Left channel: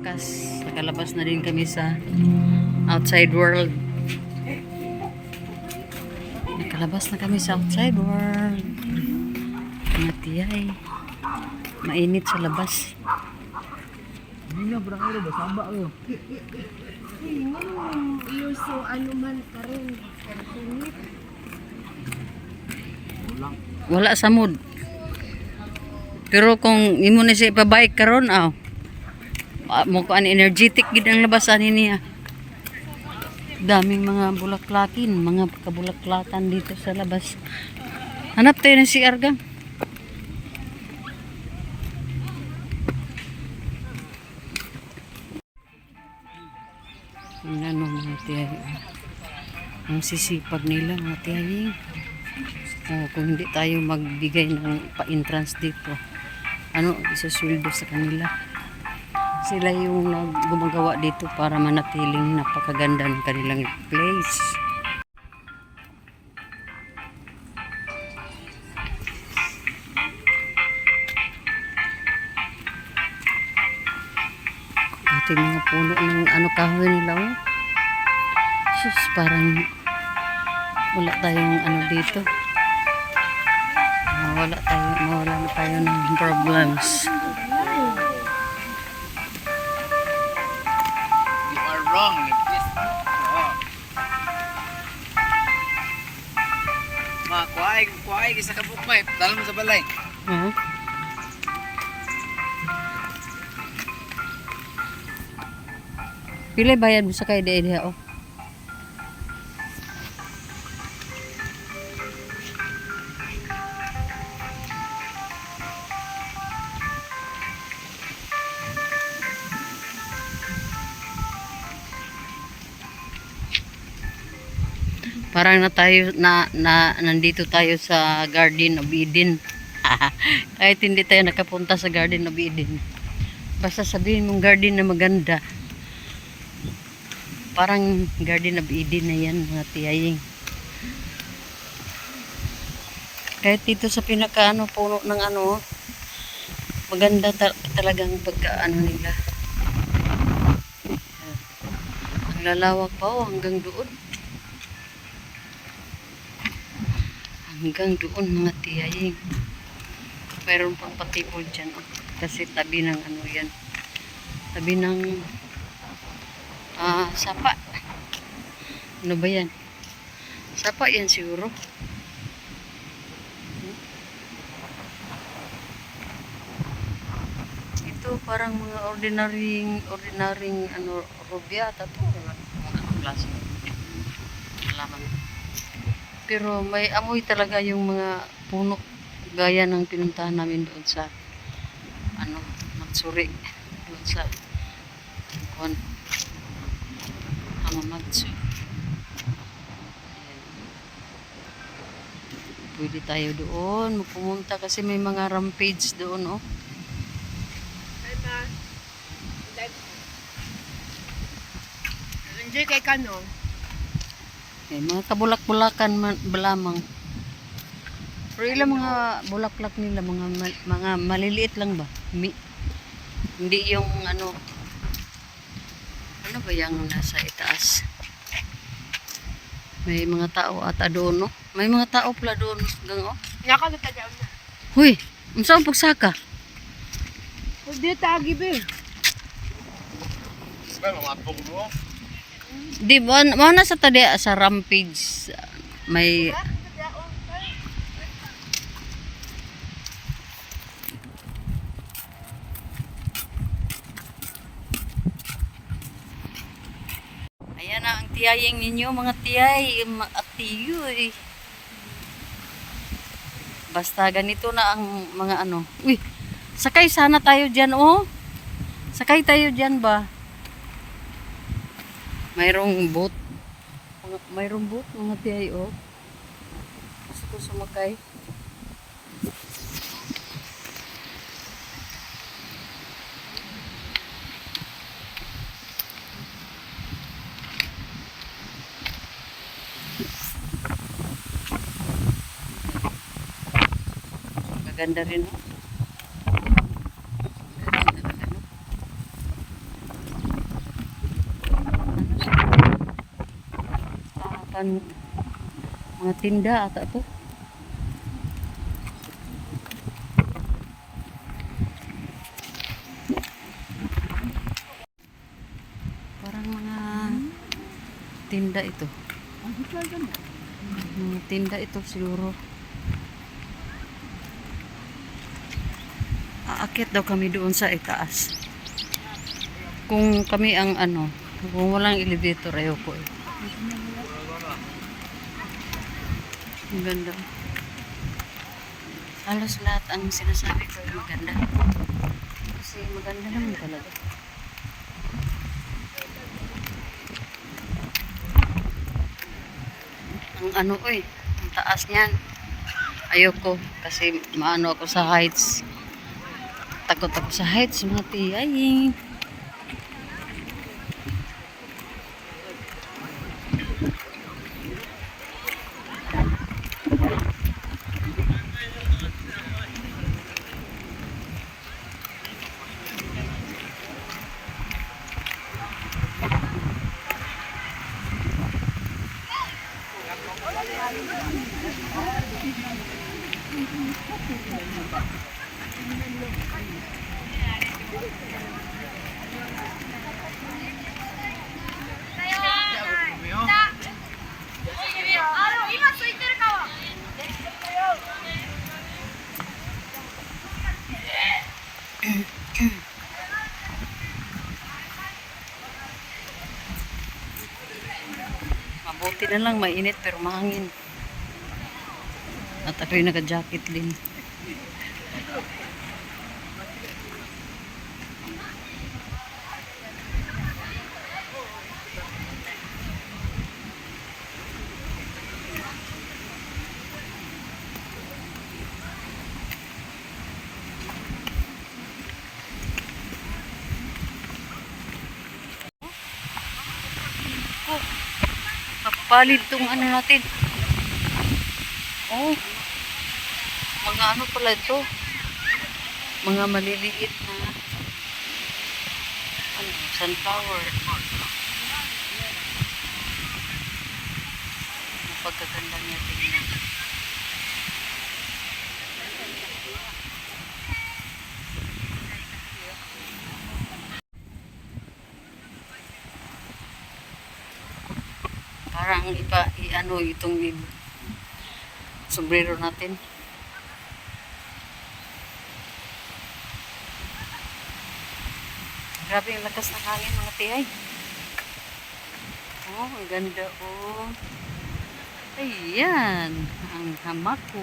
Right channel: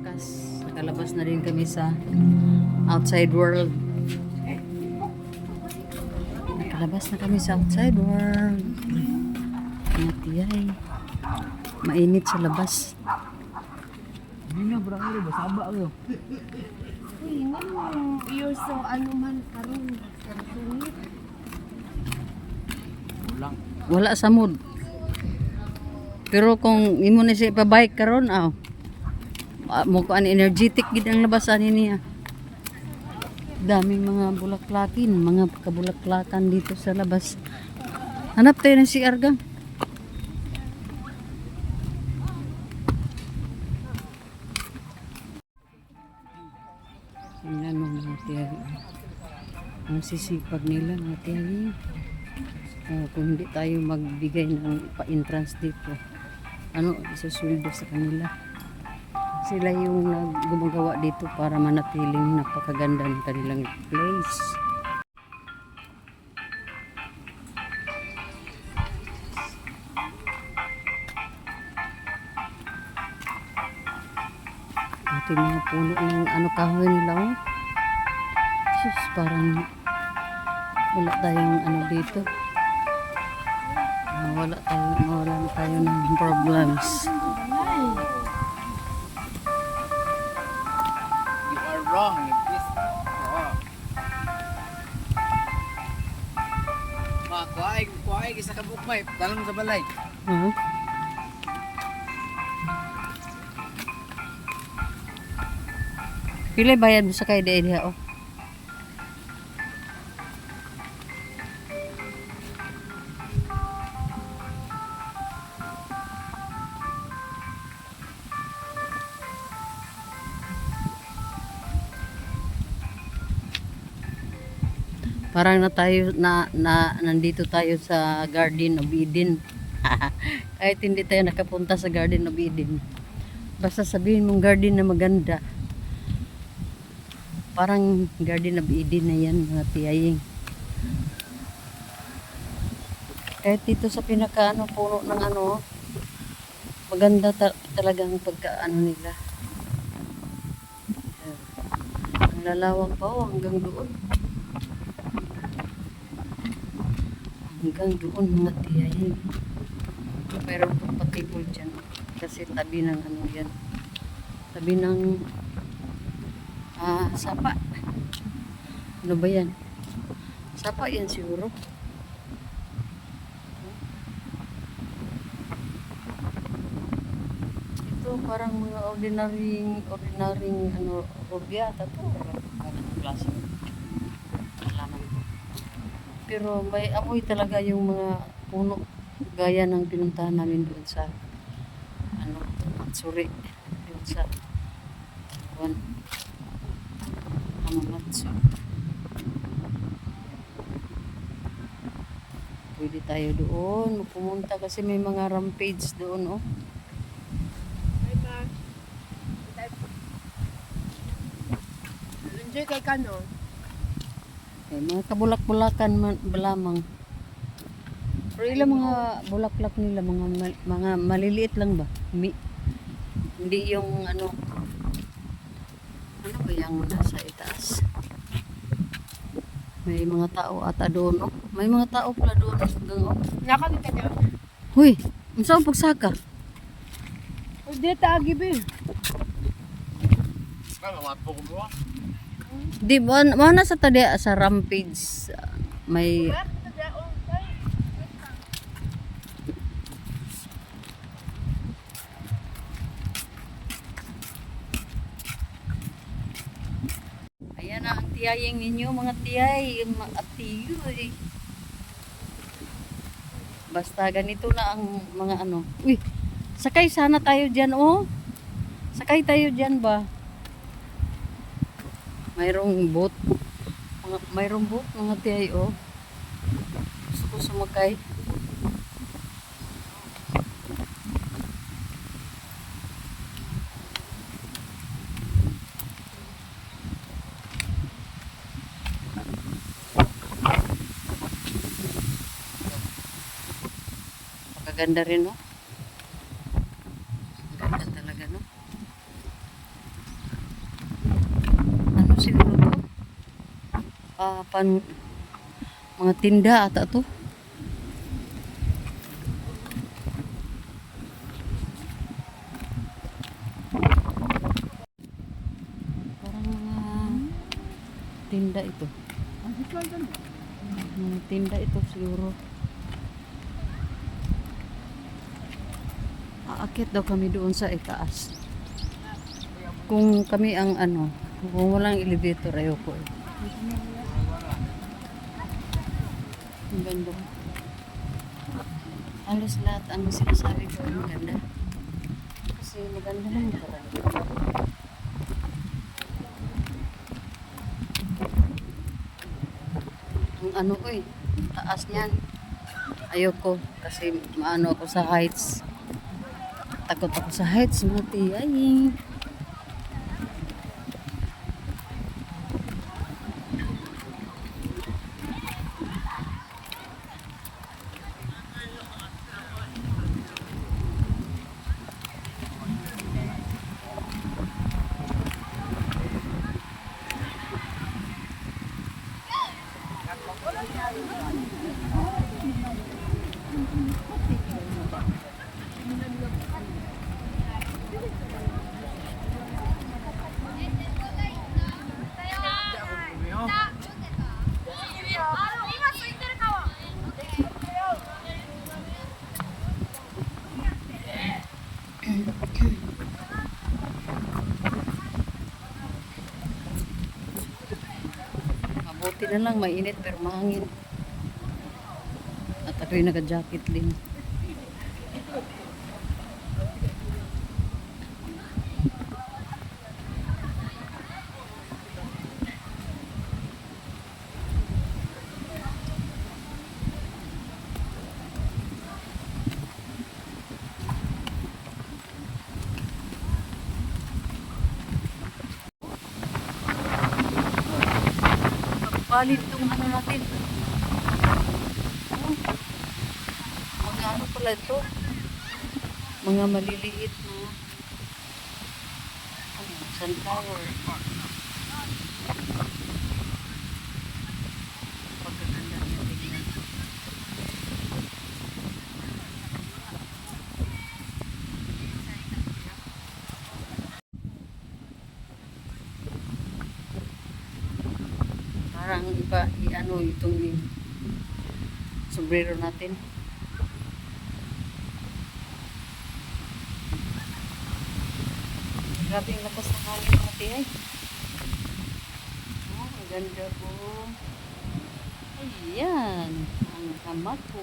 Wakas, nakalabas na din kami sa outside world. Nakalabas na kami sa outside world. Matiyay. Mainit sa labas. Hindi na, bro. Ano ba? Saba ko. You're so anuman ka rin. Sungit. Ulang. Wala sa mood. Pero kung imo na siya ipabike karon mo ko energetic gid ang labasan niya. Daming mga bulaklakin, mga kabulaklatan dito sa labas. Hanap tayo ng CR gang. Ano mga tiyay. Ang sisipag nila mga tiyay. Kung hindi tayo magbigay ng pa-entrance dito, isusweldo sa kanila. Sila yung gumagawa dito para manatiling napakaganda ng kanilang place. Ating mga puno ng kahoy nila sus, parang wala tayong dito. Mawala na tayo ng problems. You are wrong in this. Kuhay, isa ka bukmay. Dalam mo sa balay. Pila bayad mo sa kay diha Parang nandito tayo sa Garden of Eden. Kahit hindi tayo nakapunta sa Garden of Eden. Basta sabihin mong garden na maganda. Parang Garden of Eden na yan mga tiyaying. Kahit dito sa pinaka puno ng maganda talagang pagka nila. Ang lalawak pa hanggang doon. Hanggang doon mga tiyaying. Mayroon pang patibol dyan kasi tabi ng yan. Tabi ng sapa. Ano ba yan? Sapa yan siguro. Ito parang mga ordinaryong rubyata to. Mga klase. Malaman. Pero may amoy talaga yung mga puno gaya ng pinuntahan namin doon sa Matsuri, doon sa Hamamatsu. Pwede tayo doon pumunta kasi may mga rampage doon Enjoy kay Kano. mga kabulak-bulakan lamang. Pero ilang mga bulaklak nila mga maliliit lang ba? Hindi yung ano ba yung nasa itaas? May mga tao ata doon May mga tao pala doon hanggang Nyaka na tayo. Huy, unsa pagsaka? Hindi tagi ba. Di ba na sa tadi sa rampage may ayan na ang tiyayeng ninyo mga tiyay at tiyoy. Basta ganito na ang mga Uy, sakay sana tayo dyan sakay tayo dyan ba? Mayroong boat mga tiyay gusto ko sumakay. Maganda rin Ganda talaga mga tinda ata to. Parang mga tinda ito. Mga tinda ito siguro. Aakyat daw kami doon sa itaas. Kung kami ang ano, kung walang elevator, ayoko eh. Ang ganda. Halos lahat ang sinasabi ko ang ganda. Kasi maganda naman talaga. Ang ano eh, ang taas niyan. Ayoko kasi maano ako sa heights. Takot ako sa heights, mga tiyay. Mabuti na lang mainit pero mahangin. At ako'y naka-jacket din. Palit tong ano natin. Oh, mga ano pala ito. Mga maliliit na ano, sunflower. Pagkaganda niya tingnan. Parang ano itong sombrero natin. Grabe yung lakas ng hangin mga tiyay. Oh, ang ganda oh. Ayan, ang hamako.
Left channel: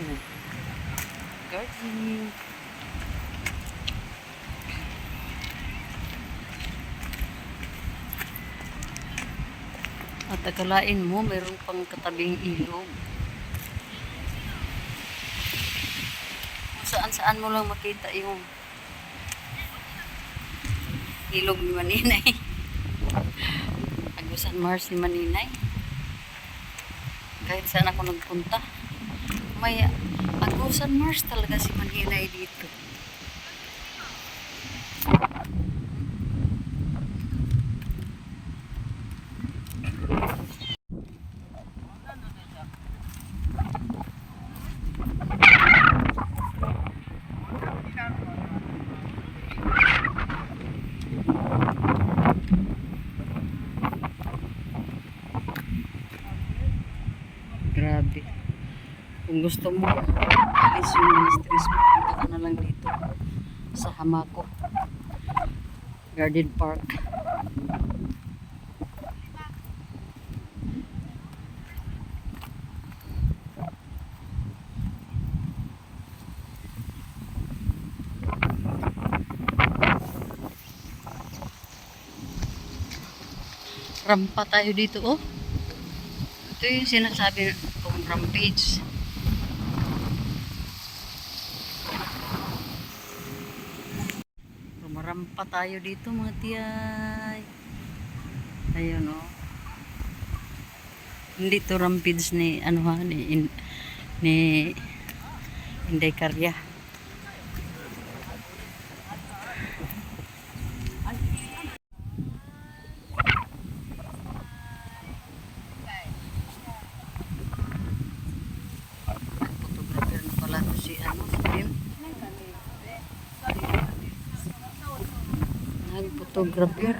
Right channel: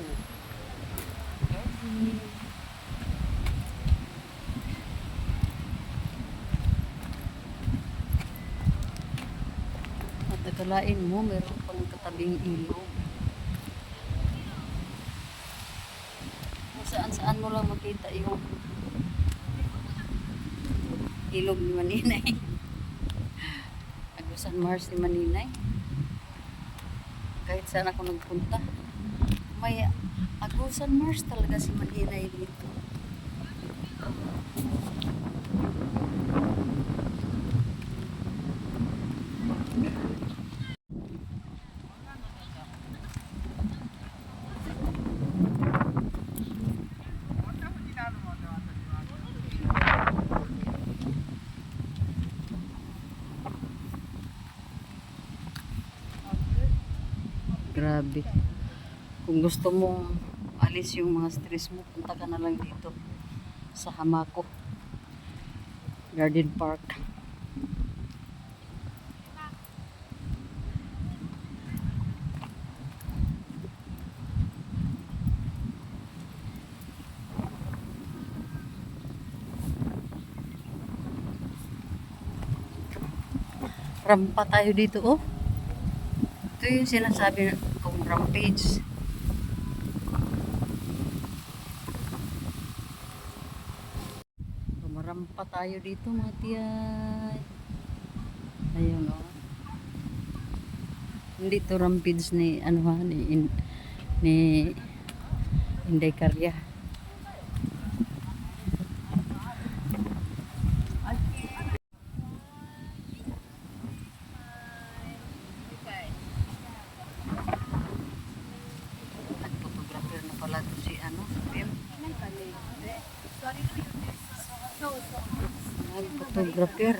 Gardening. At akalain mo, meron pang katabing ilog. Kung saan-saan mo lang makita yung ilog ni Maninay. Agusan Mars ni Maninay. Kahit saan ako nagpunta, may Agusan Mars talaga si Maninay dito. Grabe. Kung gusto mo alis yung mga stress mo, punta ka na lang dito sa Hamako Garden Park. Rampa tayo dito oh. Ito yung sinasabi kong rampage. Rumarampa tayo dito mga tiyay. Ayun oh. Hindi to rampage ni ano ha, ni Inday Karya. photographer.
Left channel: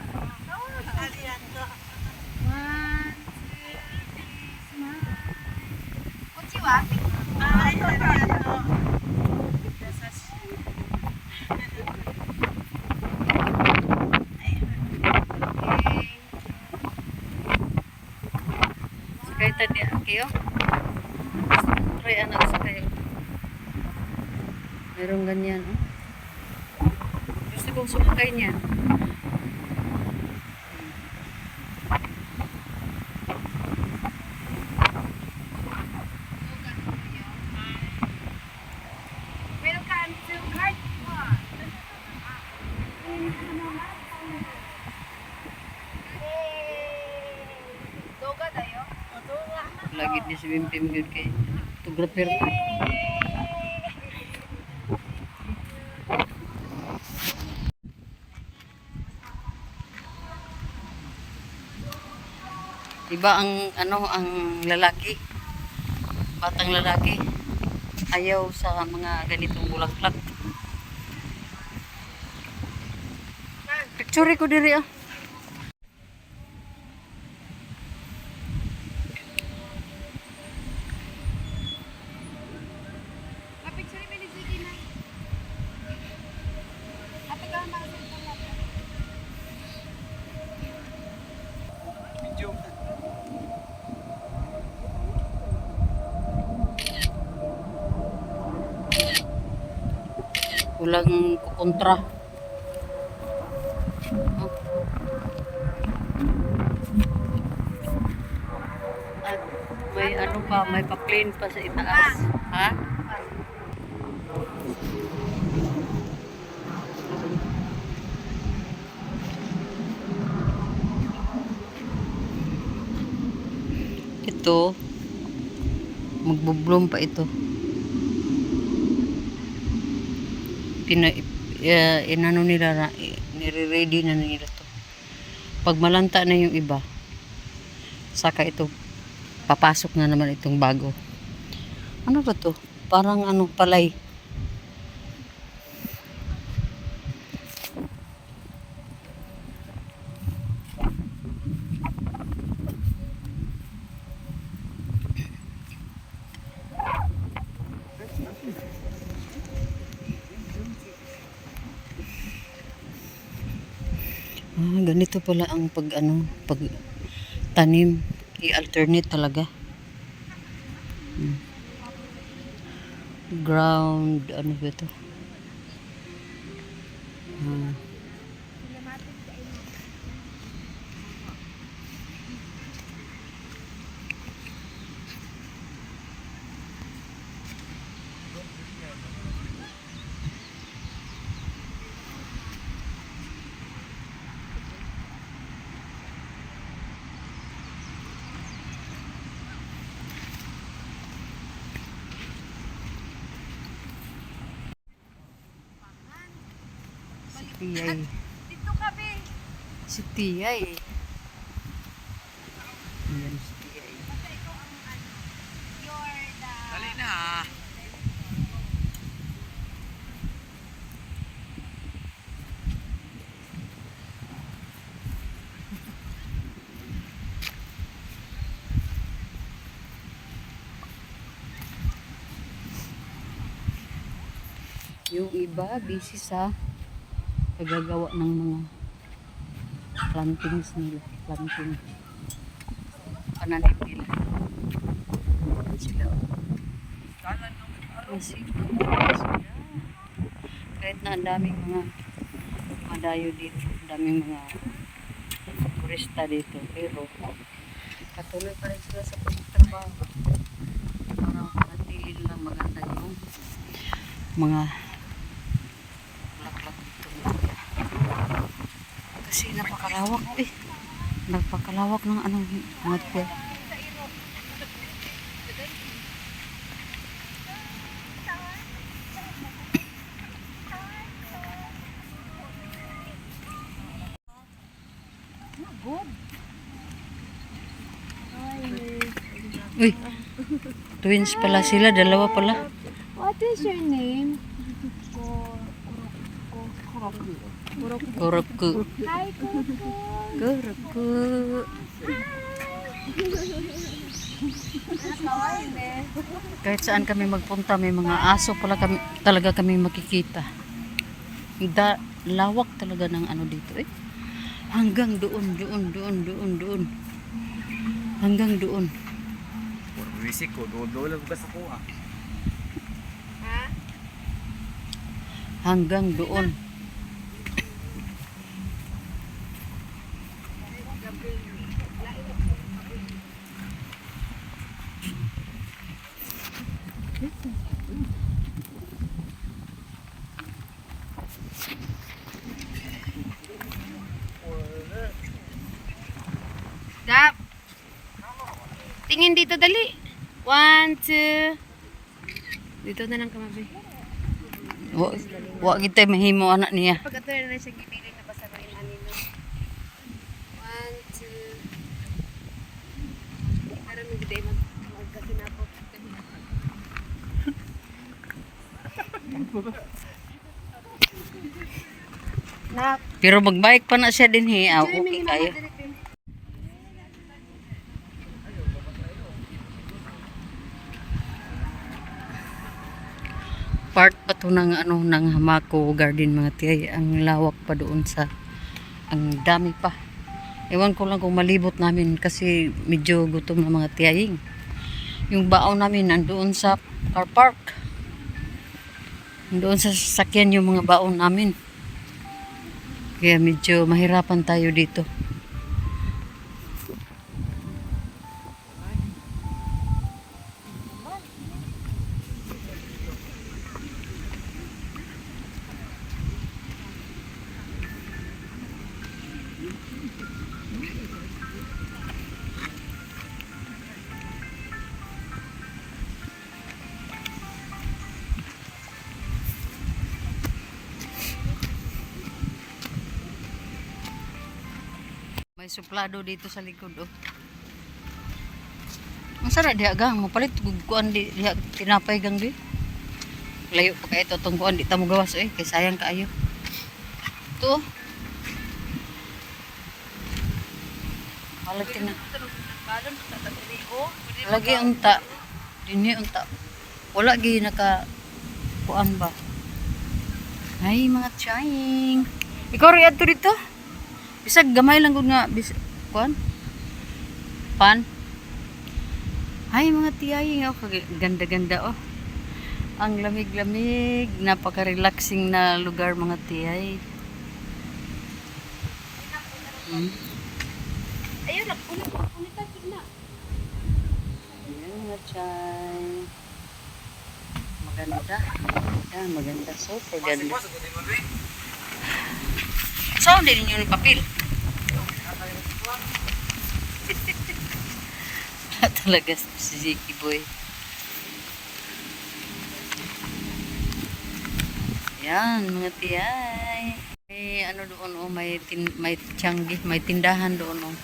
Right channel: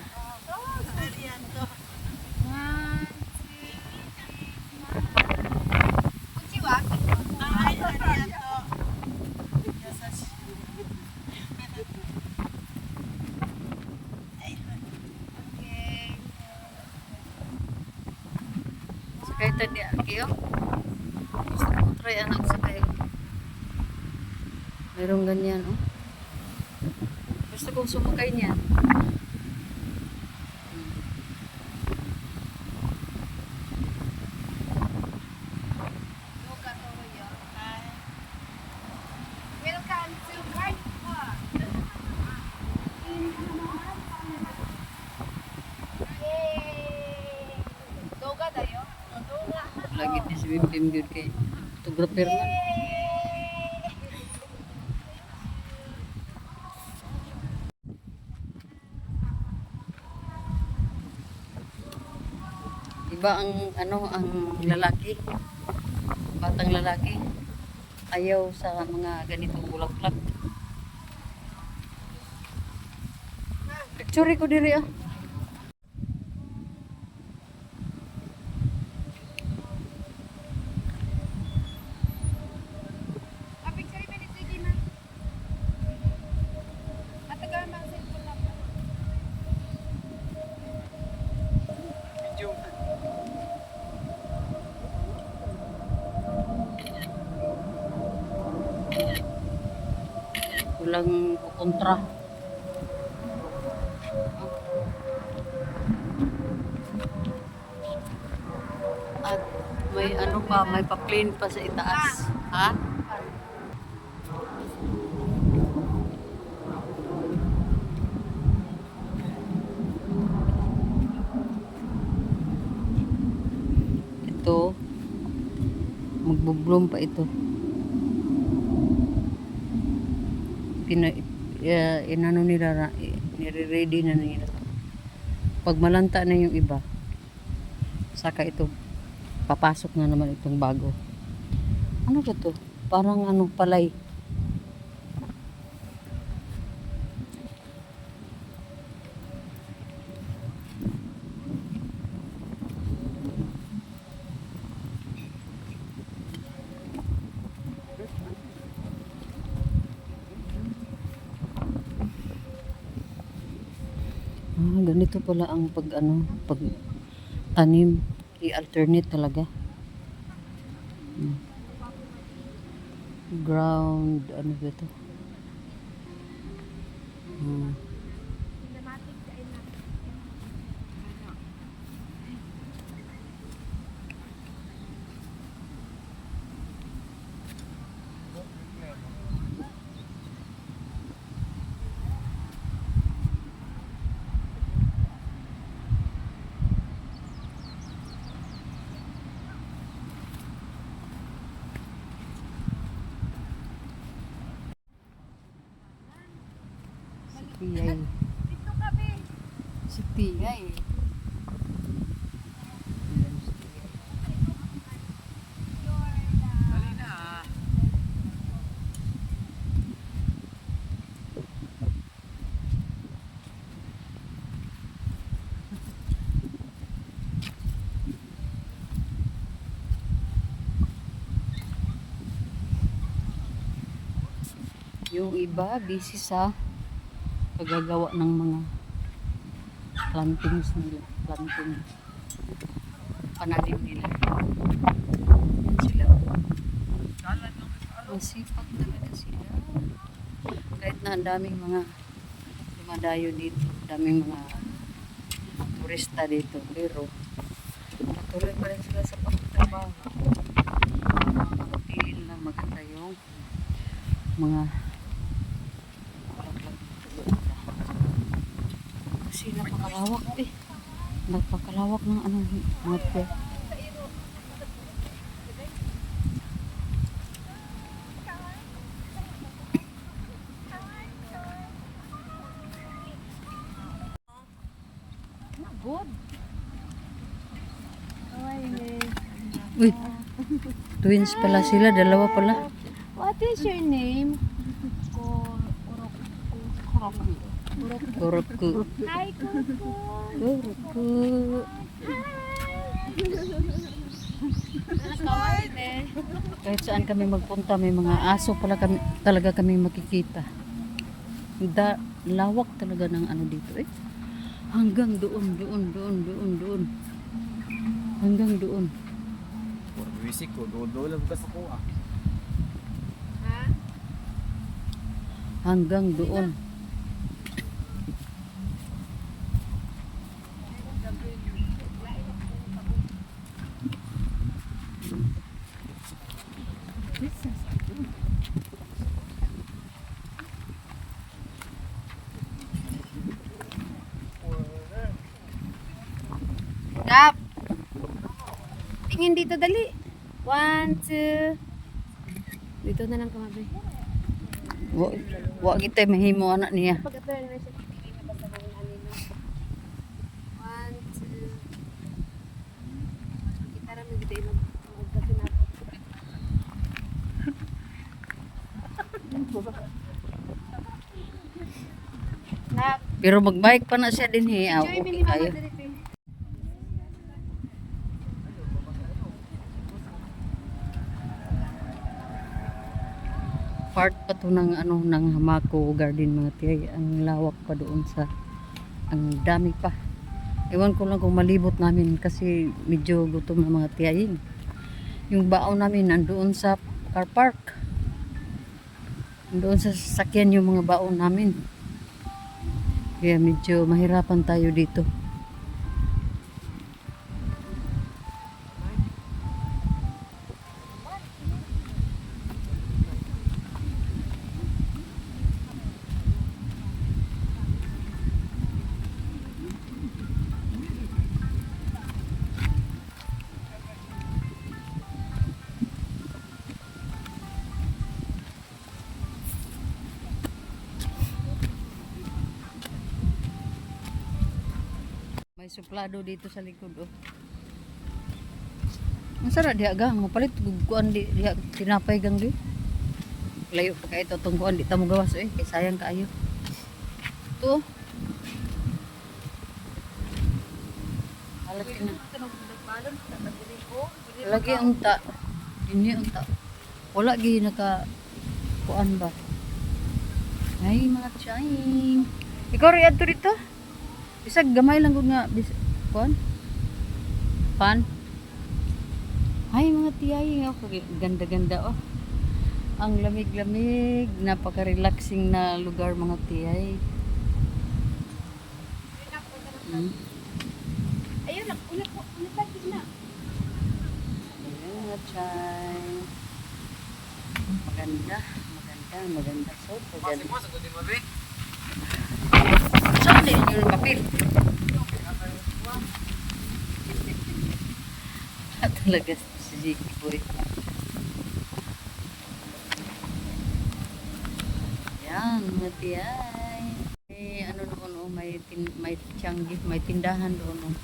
Sakay tadi kayo? Try anak sakay. Merong ganyan, oh. Gusto kong sumakay niya. Welcome to Garden Park in Hamamatsu. Yay! Doga tayo? Doga. Lagi di si Bim good kay photographer na. Iba ang ang lalaki, batang lalaki, ayaw sa mga ganitong bulaklak. Picture ko diri ah. Picture mo ni Sige na. Ate ka masay ko na. Video. Kulang kontra. At may pa, may pa-plane pa sa itaas. Ha? Ito, magbo-bloom pa ito. Inano nila, nire-ready na nila to. Pag malanta na yung iba, saka ito, papasok na naman itong bago. Ano ba to? Parang palay. Ganito pala ang pag tanim, i-alternate talaga. Ground, ano ba ito? Tiyay. Dito ka be. Si Tiyay. Ayan si Tiyay. Dali na. Yung iba, busy sa pagagawa ng mga plantings nila. Planting. Pananim nila. Yan sila. Masipag talaga sila. Kahit na ang daming mga madayo dito. Daming mga turista dito. Pero patuloy pa rin sila sa pagtatrabaho. Para manatili na maganda yung mga bulaklak dito. Kasi napakalawak eh. Napakalawak ng mga tipe. Good. Uy, twins pala sila, dalawa pala. What is your name? Kuroki. Kuruku. Hi, Kuko. Kuruku. Kahit saan kami magpunta, may mga aso pala kami, talaga kami makikita. Lawak talaga ng ano dito eh. Hanggang doon. Hanggang doon. Puro bisik ko, dolo bukas ako ah. Hanggang doon. Dap. Tingin dito dali. 1, 2. Dito na lang kamabi. Wa kita mahimo anak niya. Pag ato na siya kibirin na basta ng anino. 1, 2. Para may gday magkakinapot. Nap. Pero magbike pa na siya din he. Okay kayo. Part pa to ng ano ng Hamako Garden mga tiyay. Ang lawak pa doon sa ang dami pa. Ewan ko lang kung malibot namin kasi medyo gutom na mga tiyaying. Yung baon namin nandoon sa car park. Nandoon sa sasakyan yung mga baon namin. Kaya medyo mahirapan tayo dito. May suplado dito sa likod oh. Ang sarap diha gang mapalit kuan di diha tinapay gang di. Layo pa kay ito tong kuan di ta mo gawas eh kay sayang kaayo. To. Halat na. Lagi unta. Dinhi unta. Wala gi naka kuan ba. Ay mga tiying. Ikaw ri adto dito? Bisag gamay lang gud nga kuan. Pan. Ay mga tiyay oh, ganda-ganda oh. Ang lamig-lamig, napaka-relaxing na lugar mga tiyay. Ayun na, una. Ayan mga tiyay. Maganda. Maganda. So, maganda. Saan din ninyo yung papel? Talaga si Ziki boy. Yan mga tiyay. Ano doon oh, may tiyanggi, may tindahan doon oh.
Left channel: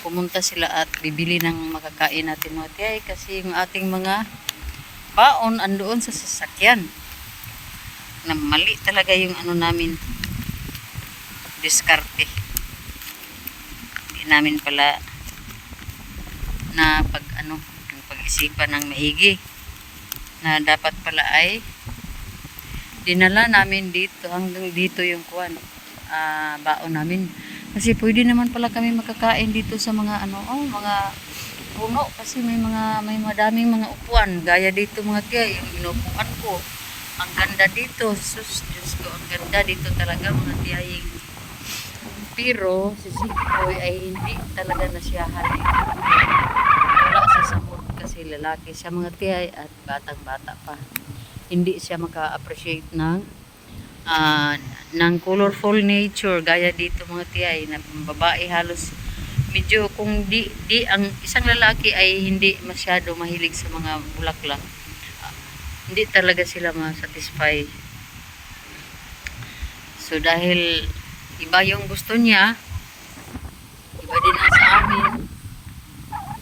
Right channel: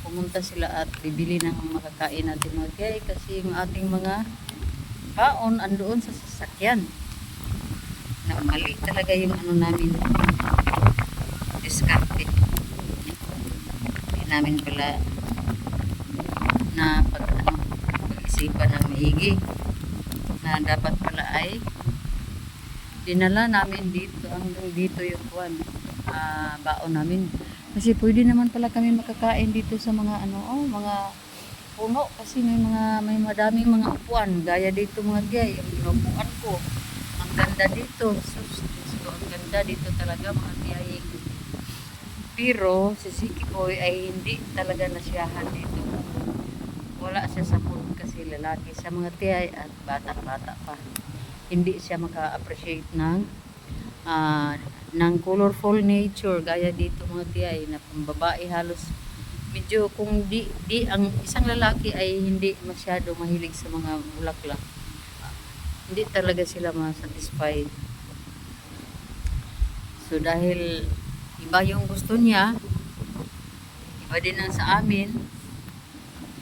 Pumunta sila at bibili ng makakain natin mga tiyay kasi yung ating mga baon andoon sa sasakyan. Na mali talaga yung ano namin diskarte. Hindi namin pala na pag-isipan ng maigi na dapat pala ay dinala namin dito hanggang dito yung kuwan baon namin kasi pwede naman pala kami makakain dito sa mga mga puno kasi may madaming mga upuan gaya dito mga gaya yung inupuan ko ang ganda dito sus Diyos ko ang ganda dito talaga mga tiyaying pero si Ziki Boy ay hindi talaga nasiyahan wala siya sa mood kasi lalaki siya mga tiyay at batang-bata pa. Hindi siya maka-appreciate ng colorful nature gaya dito mga tiyay na pambabae halos medyo kung di ang isang lalaki ay hindi masyado mahilig sa mga bulaklak. Hindi talaga sila ma-satisfy. So dahil iba yung gusto niya, iba din ang sa amin.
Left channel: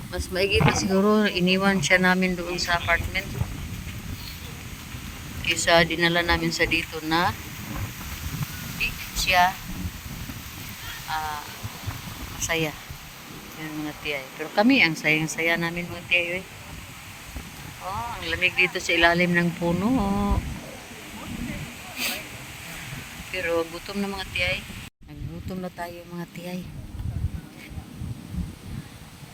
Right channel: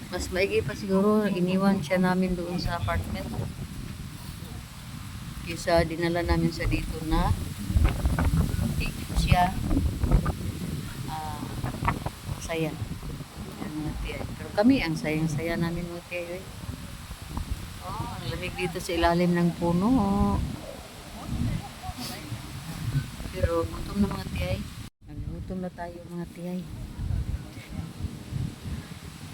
Mas maigi pa siguro iniwan siya namin doon sa apartment kaysa dinala namin sa dito na di siya ah, masaya. Yun mga tiyay. Pero kami, ang sayang-saya namin mga tiyay. Oh, ang lamig dito sa ilalim ng puno. Pero gutom na mga tiyay. Nagutom na tayo mga tiyay.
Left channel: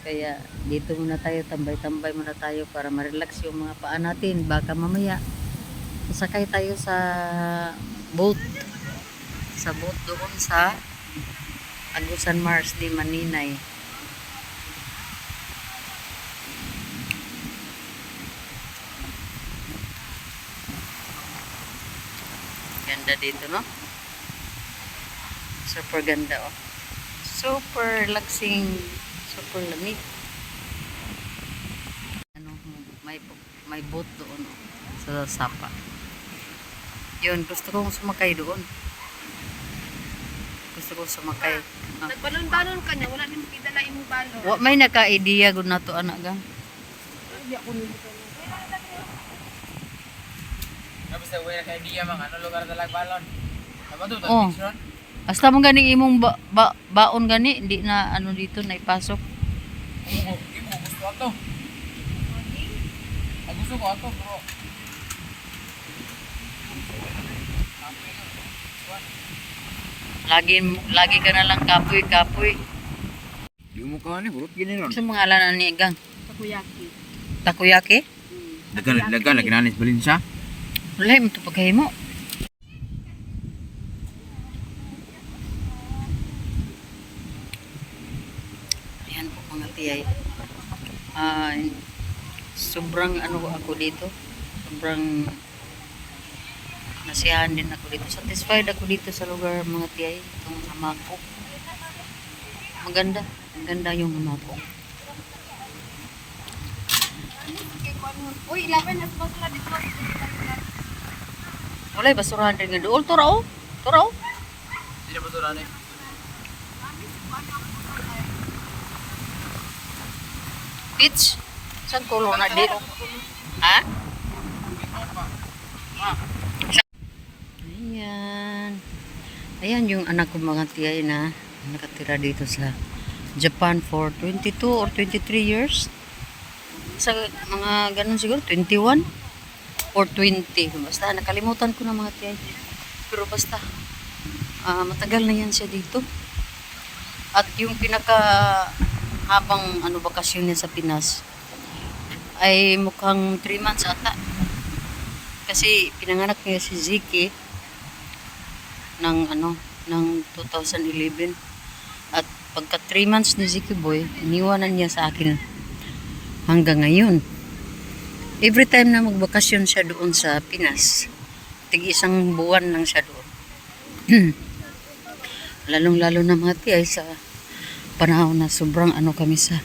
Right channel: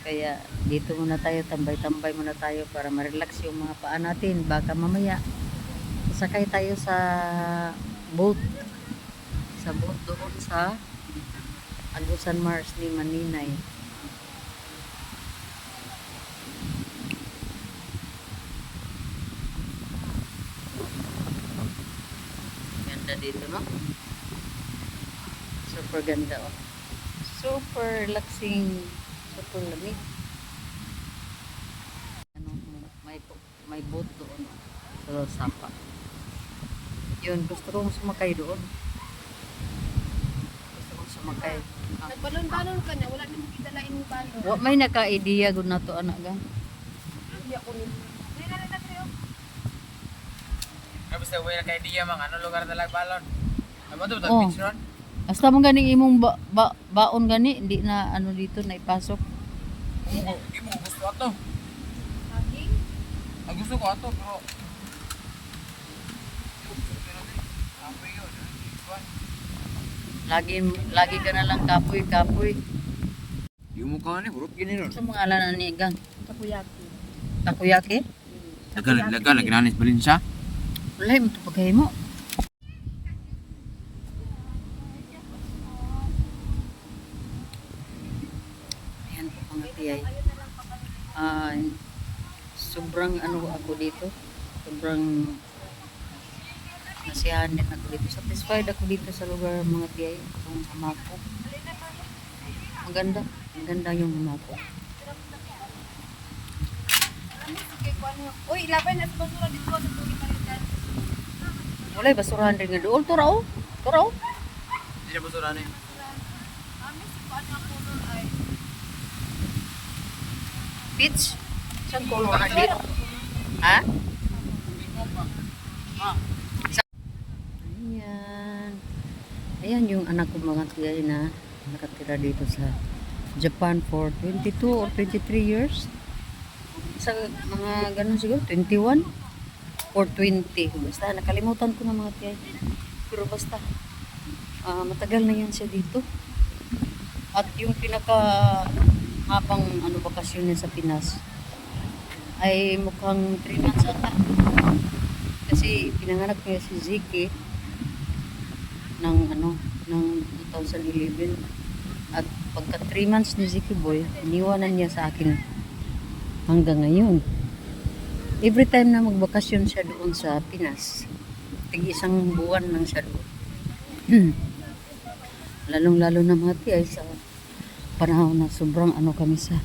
Kaya dito muna tayo, tambay-tambay muna tayo para ma-relax yung mga paa natin. Baka mamaya sasakay tayo sa boat. Sa boat doon sa Agusan Mars ni Maninay. Ganda dito, no? Super ganda, oh. Super relaxing, super lamig. Ano, may boat doon, oh, sa Sapa. Yun, gusto kong sumakay doon. Gusto kong sumakay. Ah. Nagbalon-balon ka niya, wala nimo kidala imong balon. Wa may naka-idea gud na to anak gang. Tapos na uwi na kay Dia mang ano lugar talag balon. Ano to? Oh. Picture? Hasta mo ganing imong baon gani, hindi na ano dito na ipasok. Imo gusto ato. Ang gusto ko ato bro. Ako yun. Lagi ka na lang kapoy. Di mo ka ni bro gini ron. Sa mga alanan ni gang. Takoyaki. Takoyaki? Dagan lagi nanis balin siya. Wala mo to paghimo. Ayan po mga tiyay. Sobrang ano ako dito. Sobrang nasiyahan din ako dito. Satisfied ako dito sa lugar mga tiyay. Itong hamako. Maganda. Maganda yung hamako. Uy, ilaban na sa basura dito. Wala basurahan din nga doon. Turaw. Turaw. Di na ba to nanay? Peach. Saan color na dito? Ha? Ayan. Ayan yung anak ko mga tiyay na nakatira dito sa Japan for 22 or 23 years. Sa mga ganun siguro, 21 or 20. Basta nakalimutan ko na mga tiyay. Pero basta, matagal na yan siya dito. At yung pinaka habang bakasyon niya sa Pinas ay mukhang 3 months ata. Kasi pinanganak niya si Ziki ng ng 2011. At pagka 3 months ni Ziki boy, iniwanan niya sa akin hanggang ngayon. Every time na magbakasyon siya doon sa Pinas, tig-isang buwan lang siya doon. Lalong-lalo na mga tiyay sa panahon na sobrang kami sa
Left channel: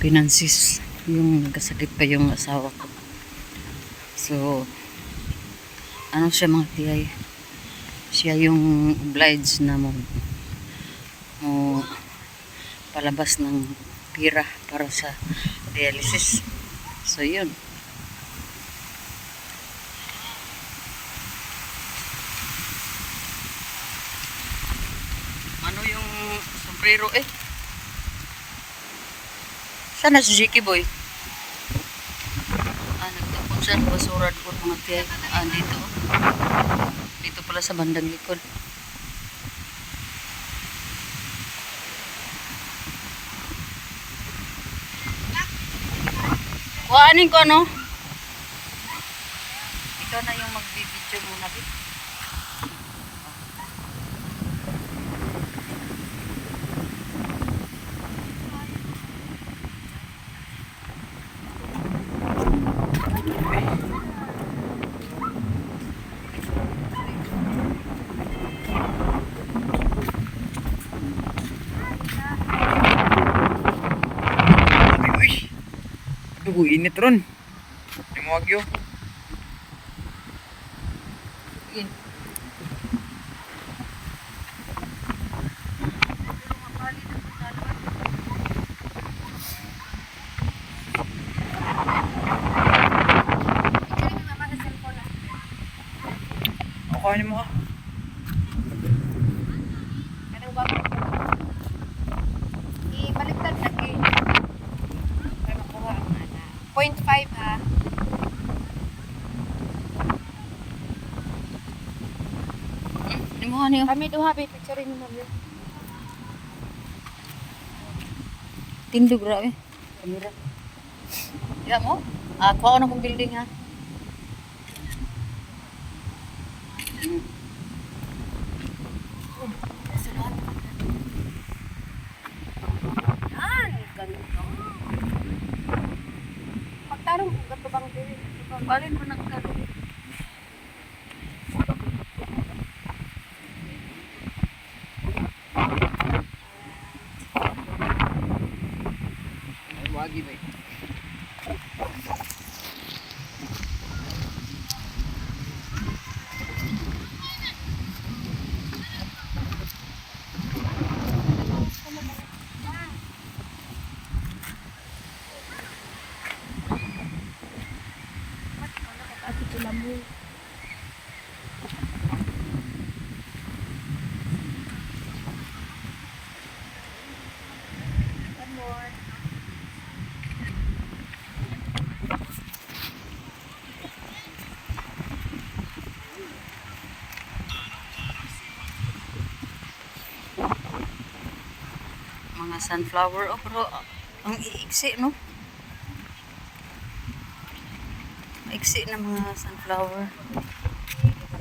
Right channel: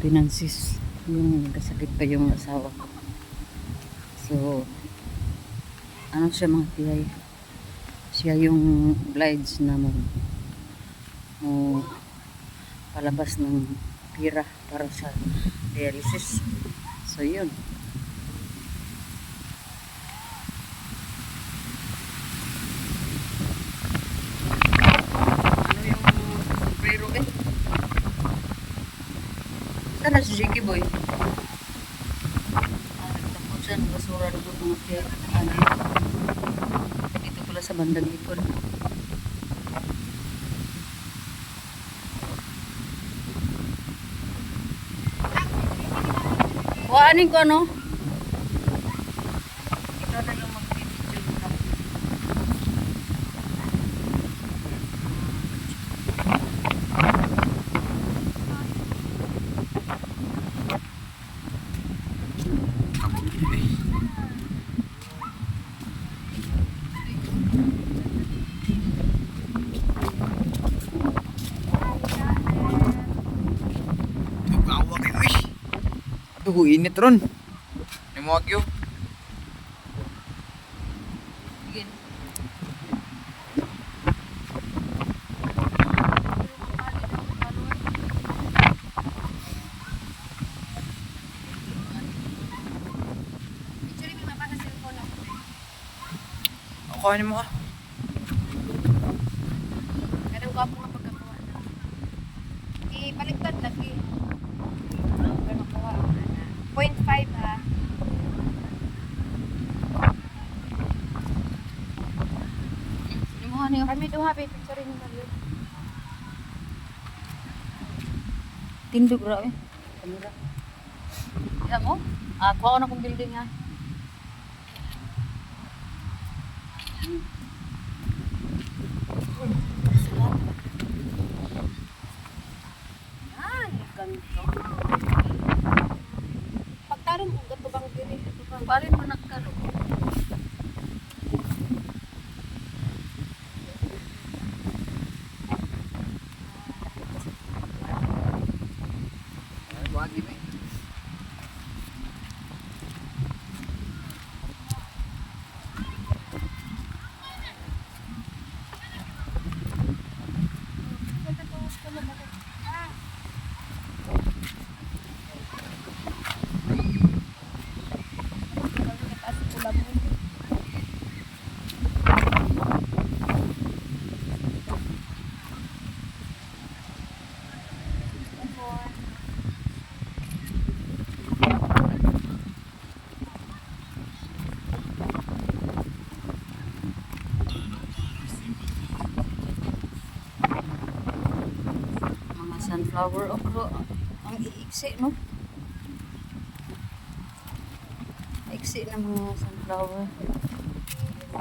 finances. Yung nagkasakit pa yung asawa ko. So, siya mga tiyay? Siya yung obliged na mo palabas ng pira para sa dialysis. So, yun. Ano yung sombrero eh? Sana si Jiki boy? Nagtapon siya ng basura doon mga tiyay. Dito. Dito pala sa bandang likod. Kuhanin ko ikaw na yung mag-video mo natin. Aduh, init ron. Ni mo agyo. Sige. Ako ni mo. Kami duha, may picture mo na. Tindog ra eh. Kamera. Ya mo? Kuha ko na kong building ha. Pagtarong kung gato bang diri. Balin mo nagtalo. Ay, wagi ba? Kasi pula mo. Mga sunflower. Oh, pero ang iiksi, no? Maiksi na mga sunflower.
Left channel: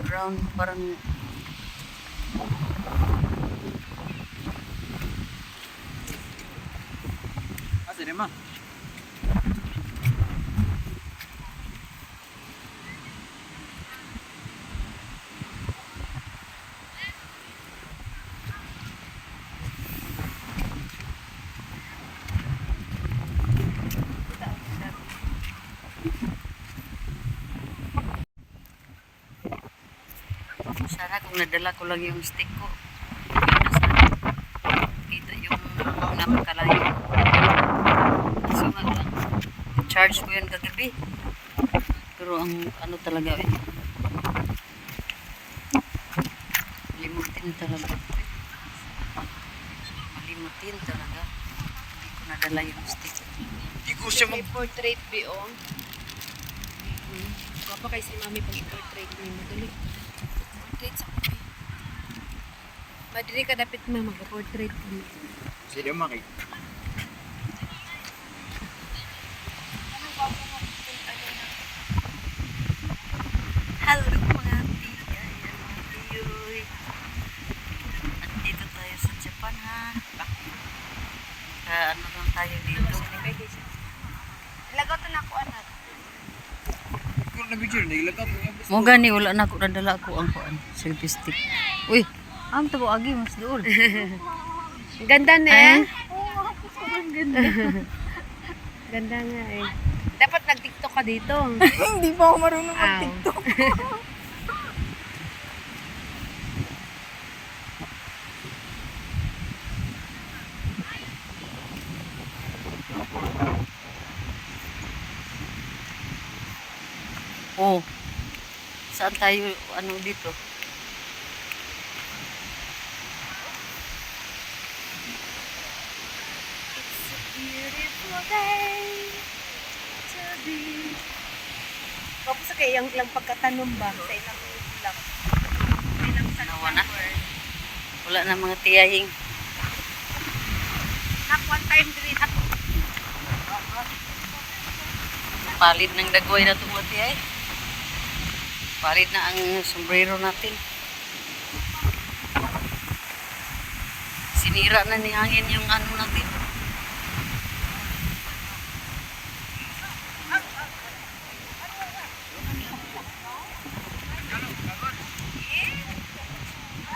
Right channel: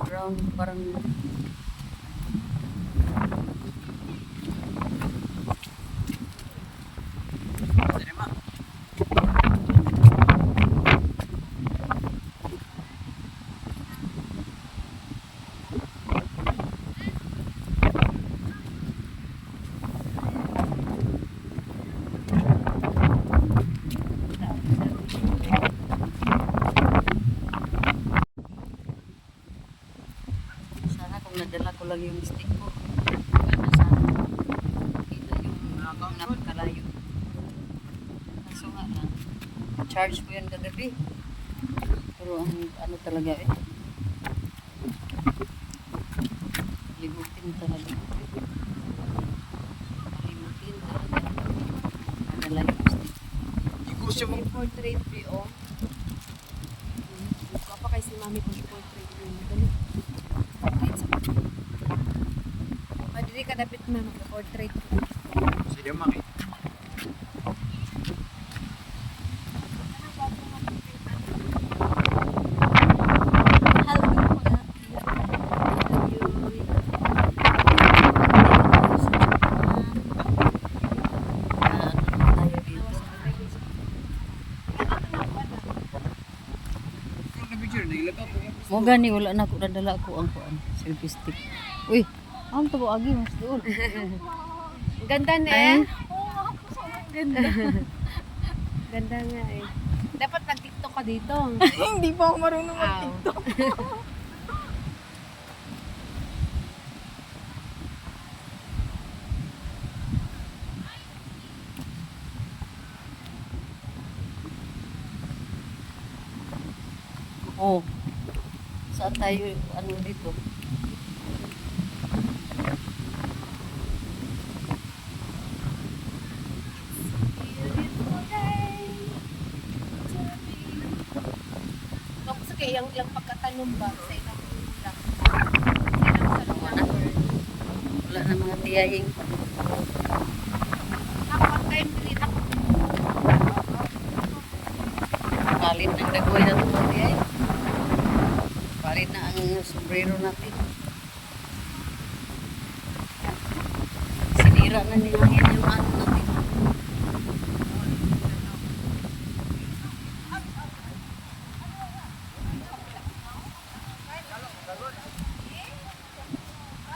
Brown, parang Sinema. sana kung nadala ko lang yung stick ko. Sana sana kita yung napakalayo. Kaso nga lang, charge ko yan kagabi. Pero ang ano talaga eh. Limutin talaga. Malimutin talaga. Nadala yung stick. Di ko siya mag... Portrait po. Apa kay si mami pag portrait ni madali. Portrait sa kami. Madali ka dapat may mag-portrait ko. Sinema kay. Hello mga tita. Ayoy. Dito tayo sa Japan. Ano na tayo dito? Ilagot na lang ko anak. Kung na-picture, nailatat mo yan. Mo gani wala na ako nadala ko ang kuan selfie stick. Uy, ang tabo agi mas dool. Ganda na Ay. eh. Ganda. Ganda nga eh. Dapat nag-tiktok ka dito. Hindi pa ako marunong mag-tiktok. Oh. Saan tayo ano dito? Tapos kaya yung lang pagkatanom ba sa ilang lang. Nawa na. Wala na mga tiyahing. One time clean up. Palit ng dagway na ito mga tiyay. Palit na ang sombrero natin. Sinira na ni hangin yung ano natin.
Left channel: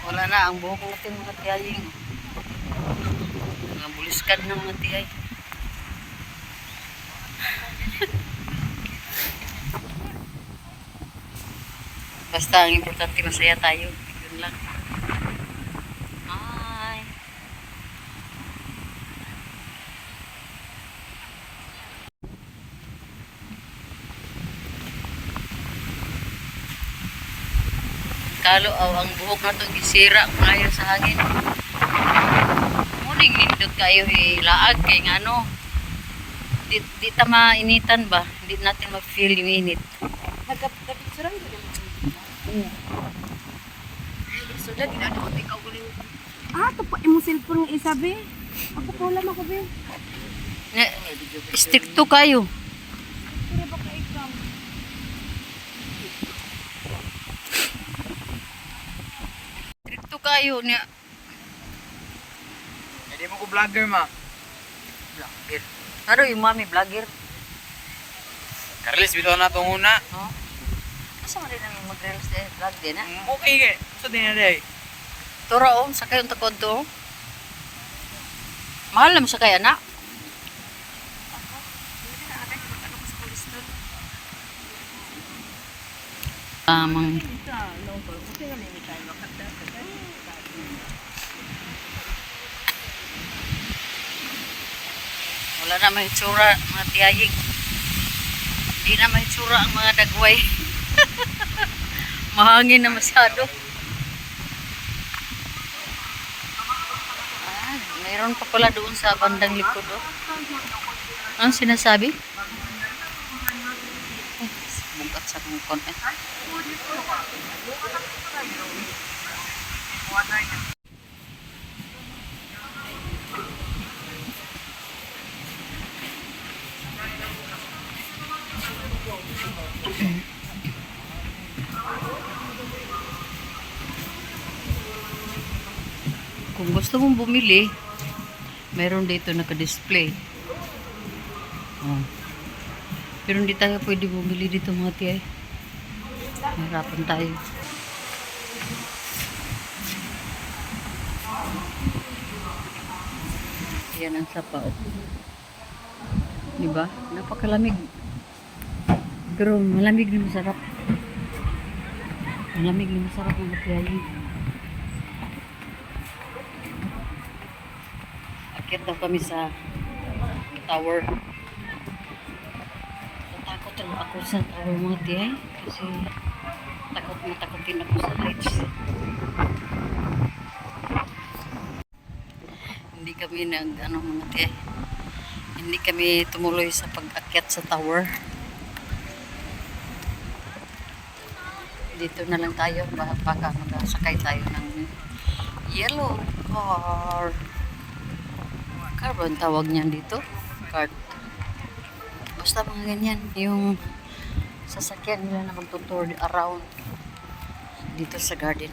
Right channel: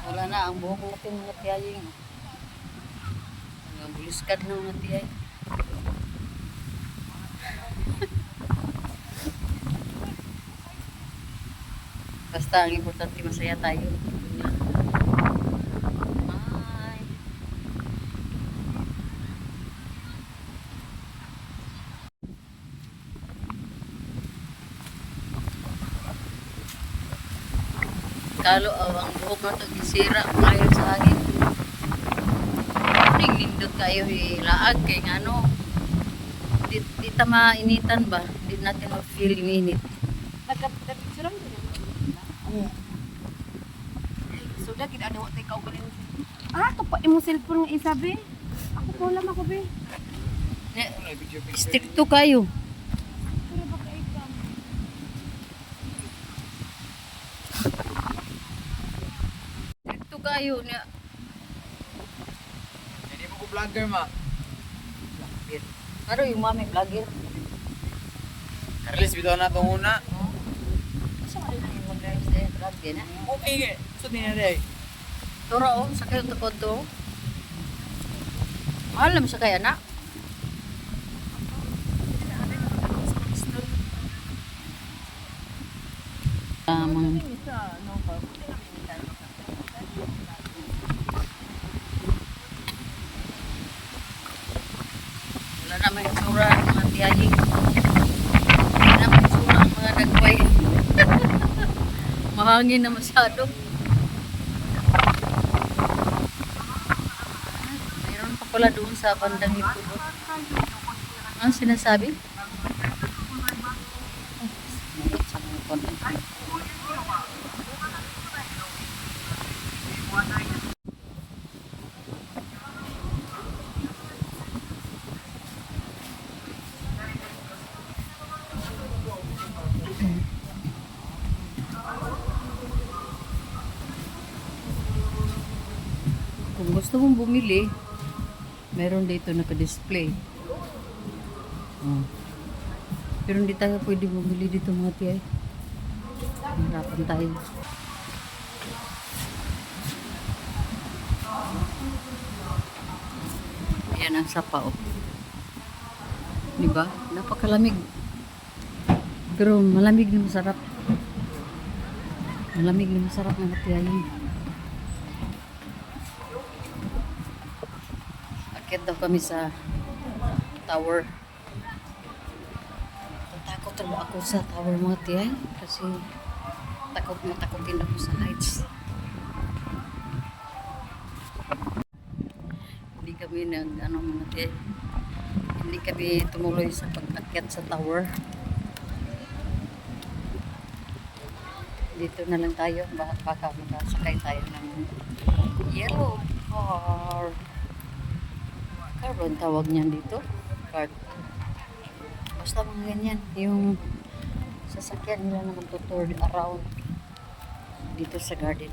Wala na ang buhok natin mga tiyaying. Mga buliskad na mga tiyay. Basta ang importante masaya tayo. Yun lang. Bye. Kalo ang buhok na to gisira ngayon sa hangin. Ano yung nindot kayo hilaag kay ano. Di ta mainitan ba? Hindi natin mag-feel yung init. Nagkapsurang din. Mm. So Dad, ano ko ikaw galing. Ito pa, imo cellphone ng isa, be. Ako po lang ako, be. Stricto kayo. Stricto kayo niya. Hindi mo ko vlogger ma. Vlogger. Ano yung mami vlogger? Carlis, bitaw na itong una. No? Asa mo rin ang mag-reels din? Vlog din ha? Okay ka. Gusto din na day. Tura sa kayong takod to. Mahal naman sa kaya na. Tamang wala naman yung tsura ang mga tiyahing. Hindi naman yung tsura ang mga dagway. Mahangin na masyado. Mayroon pa pala doon sa bandang likod. Oh. Anong sinasabi? Ay, mugat sa kong content. Kung gusto mong bumili, meron dito naka-display. Oh. Pero hindi tayo pwede bumili dito mga tiyay. Hirapan tayo. Yan ang sapaw. Diba? Napakalamig. Pero malamig na masarap. Malamig na masarap mga tiyay. Akit daw kami sa tower. Takot talaga ako sa tower mga tiyay. Kasi matakotin ako sa heights. Hindi kami mga tiyay. Hindi kami tumuloy sa pag-akyat sa tower. Dito na lang tayo. Baka makasakay tayo ng yellow car. Car ba ang tawag niyan dito? Cart. Basta mga ganyan. Yung sasakyan nila na magtutur around dito sa garden.